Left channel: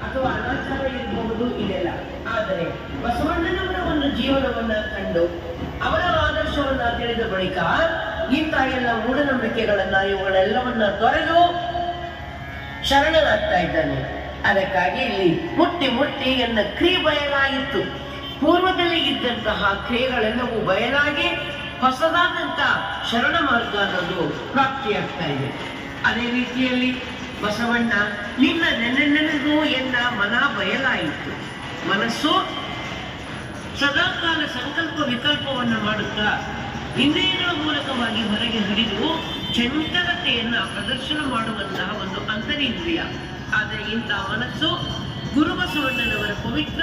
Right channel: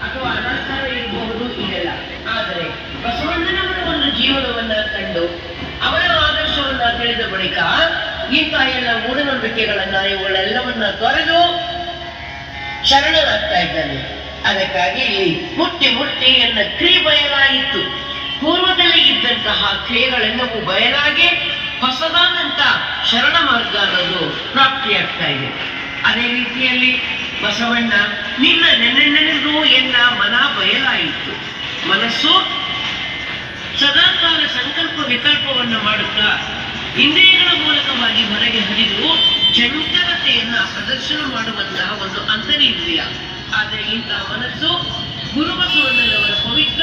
ಅಥವಾ ಆದರೆ ಒಂದು ಜೀವನವನ್ನ ಕಂಡು ಅವರ ಆದರ್ಶವನ್ನ ತಿಳಿದ ಬಳಿಕ ಇಂತಹ ಎಲ್ಲ ಮೂಢನಂಬಿಕೆಗಳನ್ನ ಇವುಗಳೆಲ್ಲವನ್ನ ತೊರೆದು ಶರಣನಾಗ್ತಾ ಇದ್ದಾನೆ. ಅದಕ್ಕಾಗಿ ಇಲ್ಲಿ ಮುಟ್ಟಿ ಮುಟ್ಟಿ ಎನ್ನ ಕ್ರಿಯೆ ಬಯಲಾಯಿತು. ಪೂರ್ವದಲ್ಲಿ ಇದ್ದಂತಹ ಕ್ರಿಯೆಗಳೆಲ್ಲವೂ ಬಯಲಾಗಿ ಹೊಸದಾದಂತ ಶರಣ ಮಾರ್ಗ ಅನ್ನೋದು ಪ್ರಾಪ್ತಿಯಾಗ್ತಾ ಇದೆ. ಅದೇ ರೀತಿಯಲ್ಲಿ ಬಸವಣ್ಣ, ನಿನ್ನ ನೆನೆನೆನೆದು ಎನ್ನ ಮನ ಬಯಲಾಯಿತು. ಮನಸ್ಸು ಸದಾಕಾಲ ಸಂಕಲ್ಪ ವಿಕಲ್ಪವನ್ನ ಮಾಡುತ್ತಾ ಇಂದ್ರಿಯಗಳ ಮೂಲಕವಾಗಿ ಹೊರಗೆ ಹರಿದು ಚಂಚಲತೆಯನ್ನ ಪ್ರದರ್ಶನ ಮಾಡುವಂತಹ ಒಂದು ಅಂತರೇಂದ್ರಿಯ ಆದರೆ ಇಂತಹ ಮನಸ್ಸು ಗುರುಬಸವಣ್ಣನವರ ಪವಿತ್ರ